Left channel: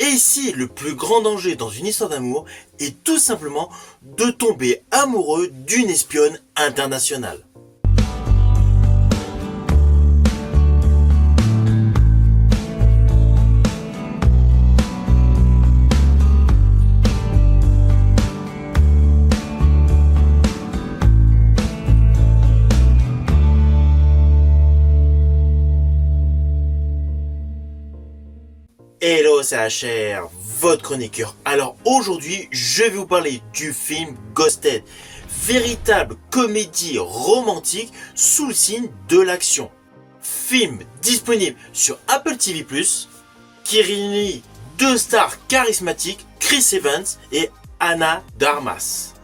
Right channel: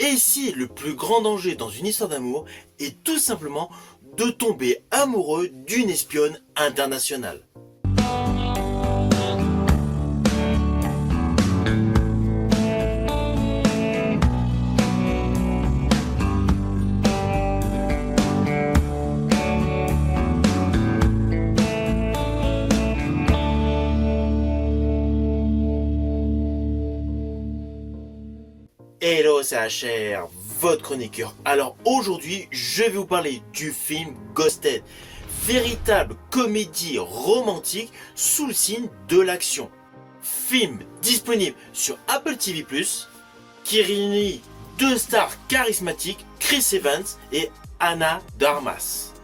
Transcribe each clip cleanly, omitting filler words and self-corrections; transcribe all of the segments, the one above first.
Et si le plus grand danger dans une histoire d'amour est tout simplement de tomber amoureux d'une espionne internationale? Hello, c'est HR, votre chroniqueur. Alors aujourd'hui, je vais vous parler du film Ghosted, véritable comédie romantique sous le signe de l'action. Film disponible sur Apple TV+, qui réunit deux stars charismatiques, Chris Evans et Ana de Armas.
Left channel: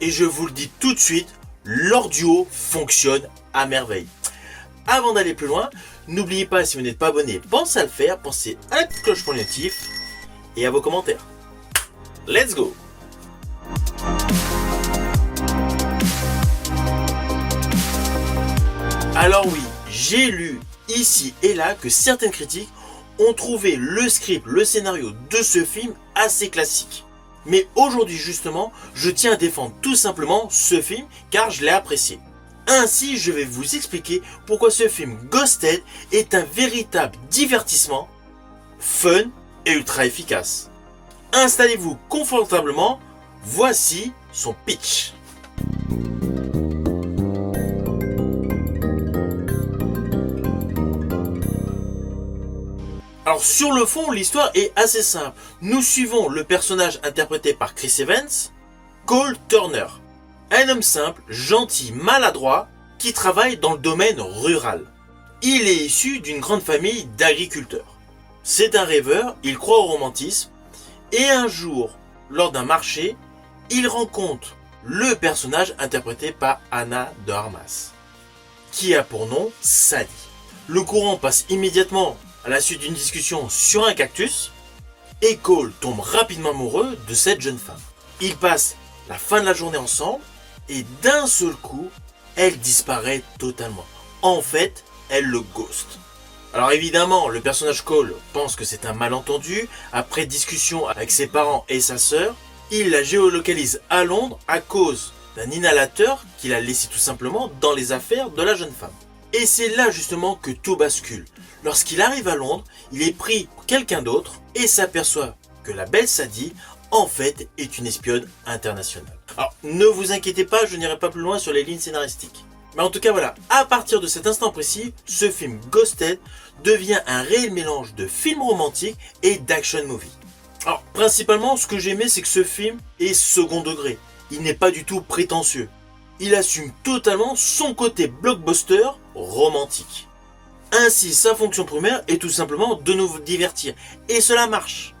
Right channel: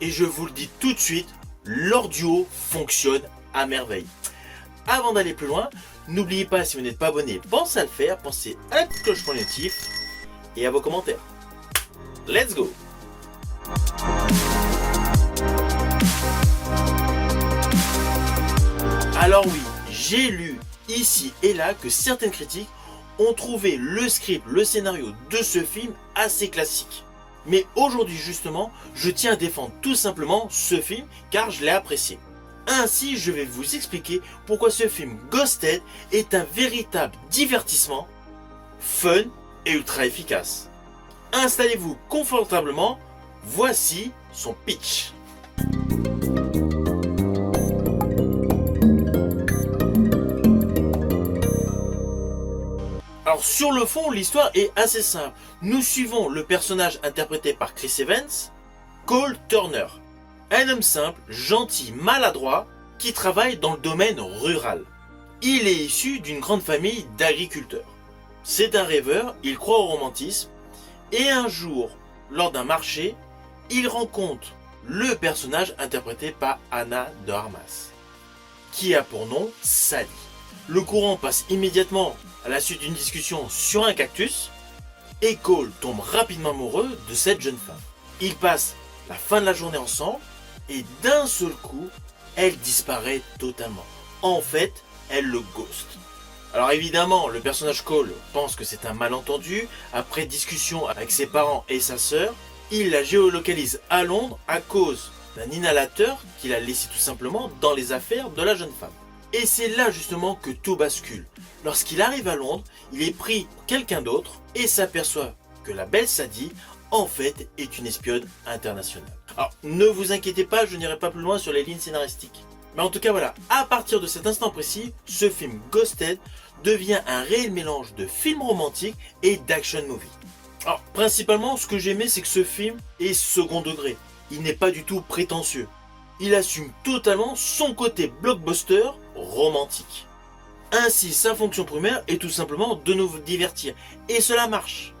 Et je vous le dis tout de suite, leur duo fonctionne à merveille. Avant d'aller plus loin, n'oubliez pas, si vous n'êtes pas abonné, pensez à le faire, pensez à la petite cloche pour les notifs et à vos commentaires. Let's go! Alors oui, j'ai lu ici et là que certaines critiques ont trouvé le script, le scénario de ce film assez classique. Mais aujourd'hui justement, je tiens à défendre tout simplement ce film car je l'ai apprécié. Ainsi, je vais vous expliquer pourquoi ce film Ghosted est un véritable divertissement, fun et ultra efficace. Installez-vous confortablement, voici son pitch. Alors sur le fond, l'histoire est assez simple. Nous suivons le personnage interprété par Chris Evans, Cole Turner. Un homme simple, gentil, maladroit, qui travaille dans le domaine rural. Il est issu d'une grande famille d'agriculteurs. C'est un rêveur, il croit au romantisme, et un jour, lors d'un marché, il rencontre le personnage interprété par Ana de Armas, qui a pour nom Sally. Le courant passe immédiatement à la suite d'une discussion sur un cactus, et Cole tombe rapidement amoureux de cette jeune femme. Ils passent la fin de la journée ensemble, et d'un seul coup, elle disparaît totalement. En fait, elle le ghost. Alors évidemment, le personnage Cole pense que c'est un malentendu. Après discussion avec ses parents et sa sœur, il la géolocalise à Londres à cause d'un inhalateur qu'il a laissé tout simplement dans les affaires de la jeune femme. Et c'est là justement que tout bascule. Lorsqu'il arrive à Londres, il est pris pour quelqu'un d'autre et s'aperçoit que la belle Sadie, en fait, est une espionne internationale. Alors, ne vous inquiétez pas, je n'irai pas plus loin sur les lignes scénaristiques. Mais en tout cas, voilà, à partir de cet instant précis, ce film Ghosted devient un réel mélange de film romantique et d'action movie. Alors, principalement, ce que j'aimais, c'est que ce film est second degré. Il n'est pas du tout prétentieux. Il assume totalement son côté blockbuster romantique. Ainsi, sa fonction primaire est tout simplement de nous divertir. Et cela marche.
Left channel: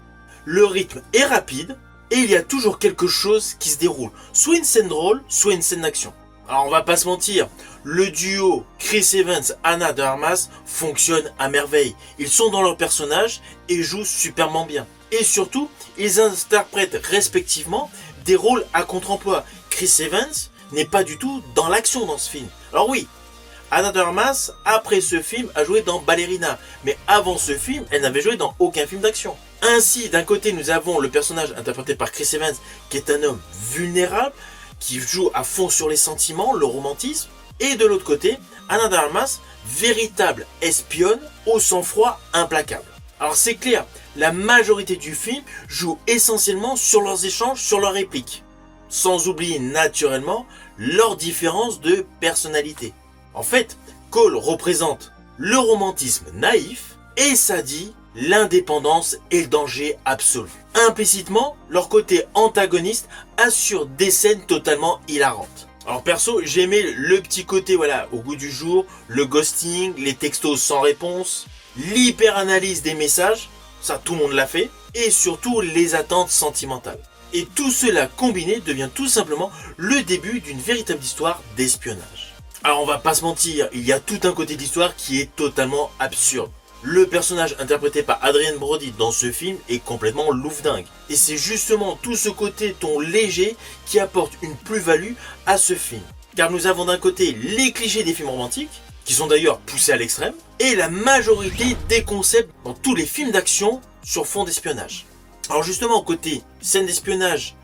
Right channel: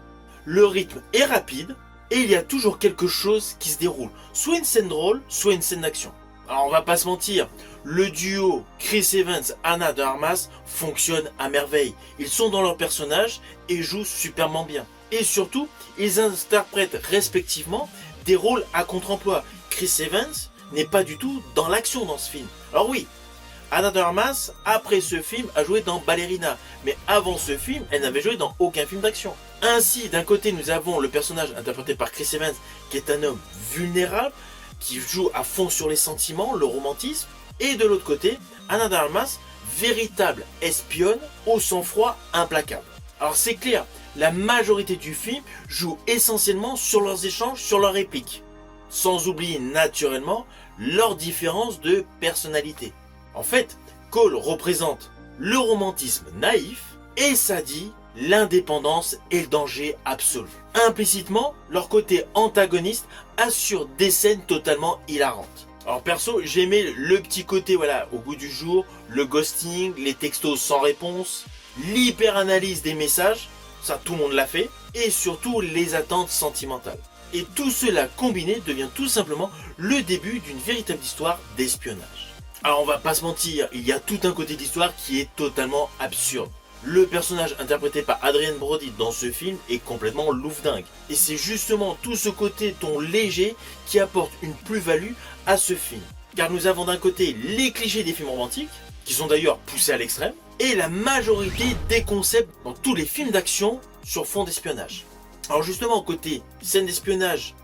Le rythme est rapide, et il y a toujours quelque chose qui se déroule. Soit une scène drôle, soit une scène d'action. Alors on va pas se mentir, le duo Chris Evans, Ana de Armas fonctionne à merveille. Ils sont dans leur personnage et jouent superbement bien. Et surtout, ils interprètent respectivement des rôles à contre-emploi. Chris Evans n'est pas du tout dans l'action dans ce film. Alors oui, Ana de Armas, après ce film, a joué dans Ballerina. Mais avant ce film, elle n'avait joué dans aucun film d'action. Ainsi, d'un côté, nous avons le personnage interprété par Chris Evans, qui est un homme vulnérable, qui joue à fond sur les sentiments, le romantisme. Et de l'autre côté, Ana de Armas, véritable espionne au sang-froid implacable. Alors c'est clair, la majorité du film joue essentiellement sur leurs échanges, sur leurs répliques. Sans oublier naturellement leurs différences de personnalité. En fait, Cole représente le romantisme naïf et Sadie l'indépendance et le danger absolu. Implicitement, leur côté antagoniste assure des scènes totalement hilarantes. Alors perso, j'aimais le petit côté voilà au goût du jour, le ghosting, les textos sans réponse, l'hyper-analyse des messages, ça tout le monde l'a fait, et surtout les attentes sentimentales. Et tout cela combiné devient tout simplement le début d'une véritable histoire d'espionnage. Alors on va pas se mentir, il y a tout un côté d'histoire qui est totalement absurde. Le personnage interprété par Adrien Brody dans ce film est complètement loufdingue. Et c'est justement tout ce côté ton léger qui apporte une plus-value à ce film. Car nous avons d'un côté les clichés des films romantiques, qui sont d'ailleurs poussés à l'extrême, et la majorité des concepts dans tous les films d'action sur fond d'espionnage. Alors justement, côté scène d'espionnage,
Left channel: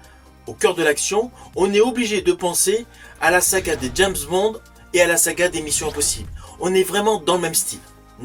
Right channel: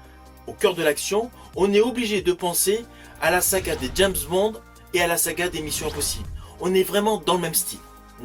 au cœur de l'action, on est obligé de penser à la saga des James Bond et à la saga des Missions Impossibles. On est vraiment dans le même style.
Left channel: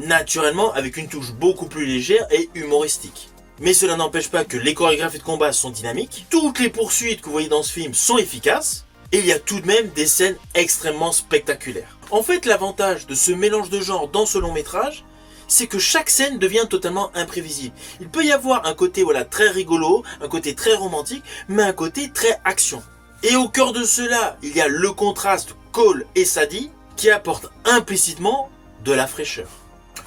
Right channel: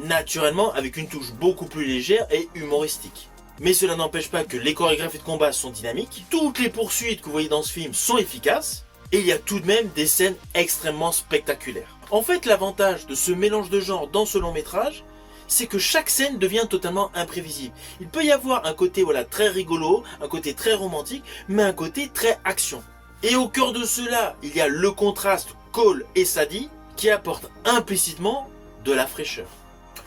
Naturellement, avec une touche beaucoup plus légère et humoristique. Mais cela n'empêche pas que les chorégraphies de combat sont dynamiques, toutes les poursuites que vous voyez dans ce film sont efficaces, et il y a tout de même des scènes extrêmement spectaculaires. En fait, l'avantage de ce mélange de genres dans ce long métrage, c'est que chaque scène devient totalement imprévisible. Il peut y avoir un côté très rigolo, un côté très romantique, mais un côté très action. Et au cœur de cela, il y a le contraste Cole et Sadie qui apporte implicitement de la fraîcheur.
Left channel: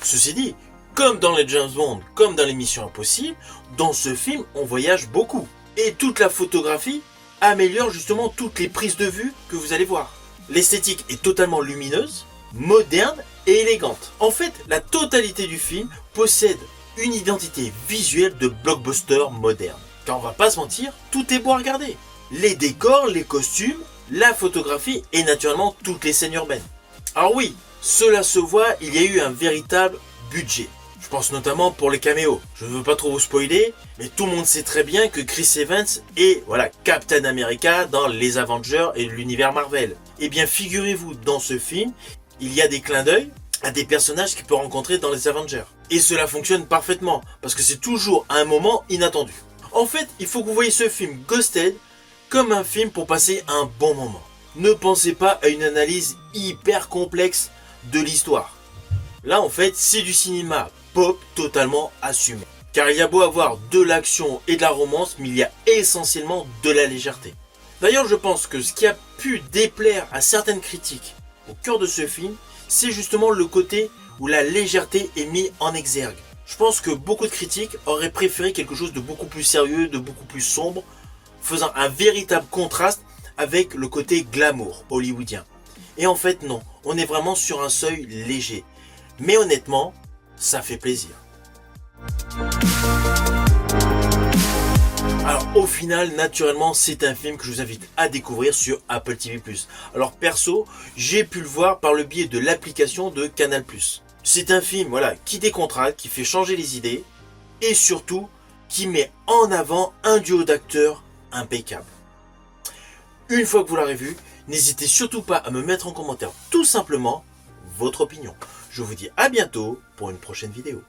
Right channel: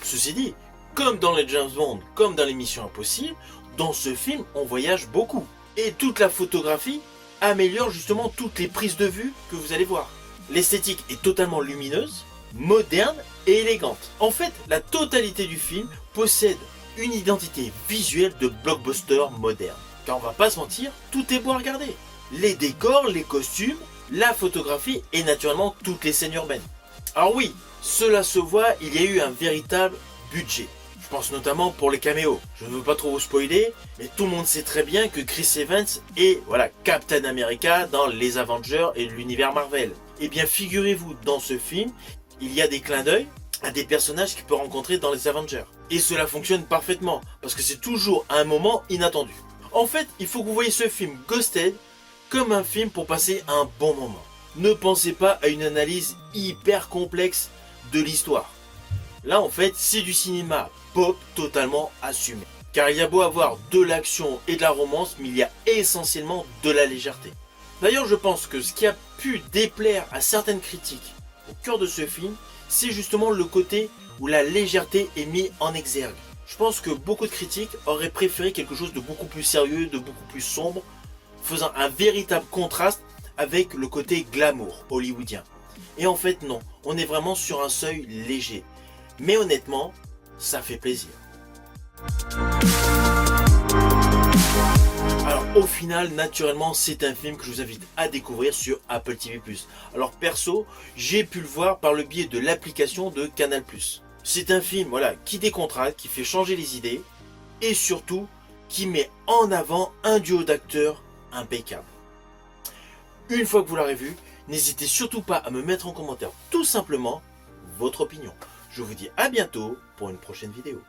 Ceci dit, comme dans les James Bond, comme dans les Missions Impossibles, dans ce film, on voyage beaucoup. Et toute la photographie améliore justement toutes les prises de vue que vous allez voir. L'esthétique est totalement lumineuse, moderne et élégante. En fait, la totalité du film possède une identité visuelle de blockbuster moderne. Car on va pas se mentir, tout est beau à regarder. Les décors, les costumes, la photographie et naturellement toutes les scènes urbaines. Alors oui, cela se voit, il y a eu un véritable budget. Je pense notamment pour les caméos. Je ne veux pas trop vous spoiler, mais tout le monde sait très bien que Chris Evans est Captain America dans les Avengers et l'univers Marvel. Et bien figurez-vous, dans ce film, il y a des clins d'œil à des personnages qu'il peut rencontrer dans les Avengers. Et cela fonctionne parfaitement, parce que c'est toujours un moment inattendu. En fait, il faut que vous voyez ce film Ghosted comme un film pour passer un bon moment. Ne pensez pas à une analyse hyper complexe de l'histoire. Là, en fait, c'est du cinéma pop totalement assumé. Car il y a beau avoir de l'action et de la romance, mais il y a essentiellement de la légèreté. D'ailleurs, je pense que ce qui a pu déplaire à certaines critiques au cœur de ce film, c'est justement le côté où la légèreté est mise en exergue. Je pense que beaucoup de critiques auraient préféré quelque chose de beaucoup plus sérieux, de beaucoup plus sombre, faisant un véritable contraste avec le côté glamour hollywoodien. Et en fait non, on est vraiment sur un seuil léger. Mais honnêtement, ça fait plaisir. Alors au final, naturellement, c'est un film que je vous invite à découvrir sur Apple TV+. Alors perso, j'ai pu le voir par le biais de l'application de Canal+. C'est un film qui décontracte, qui fait changer les idées et surtout qui met en avant un duo d'acteurs impeccable. Une fois que vous l'aurez vu, n'hésitez surtout pas à me mettre en commentaire tout simplement votre opinion. Je vous dis à bientôt pour une prochaine vidéo.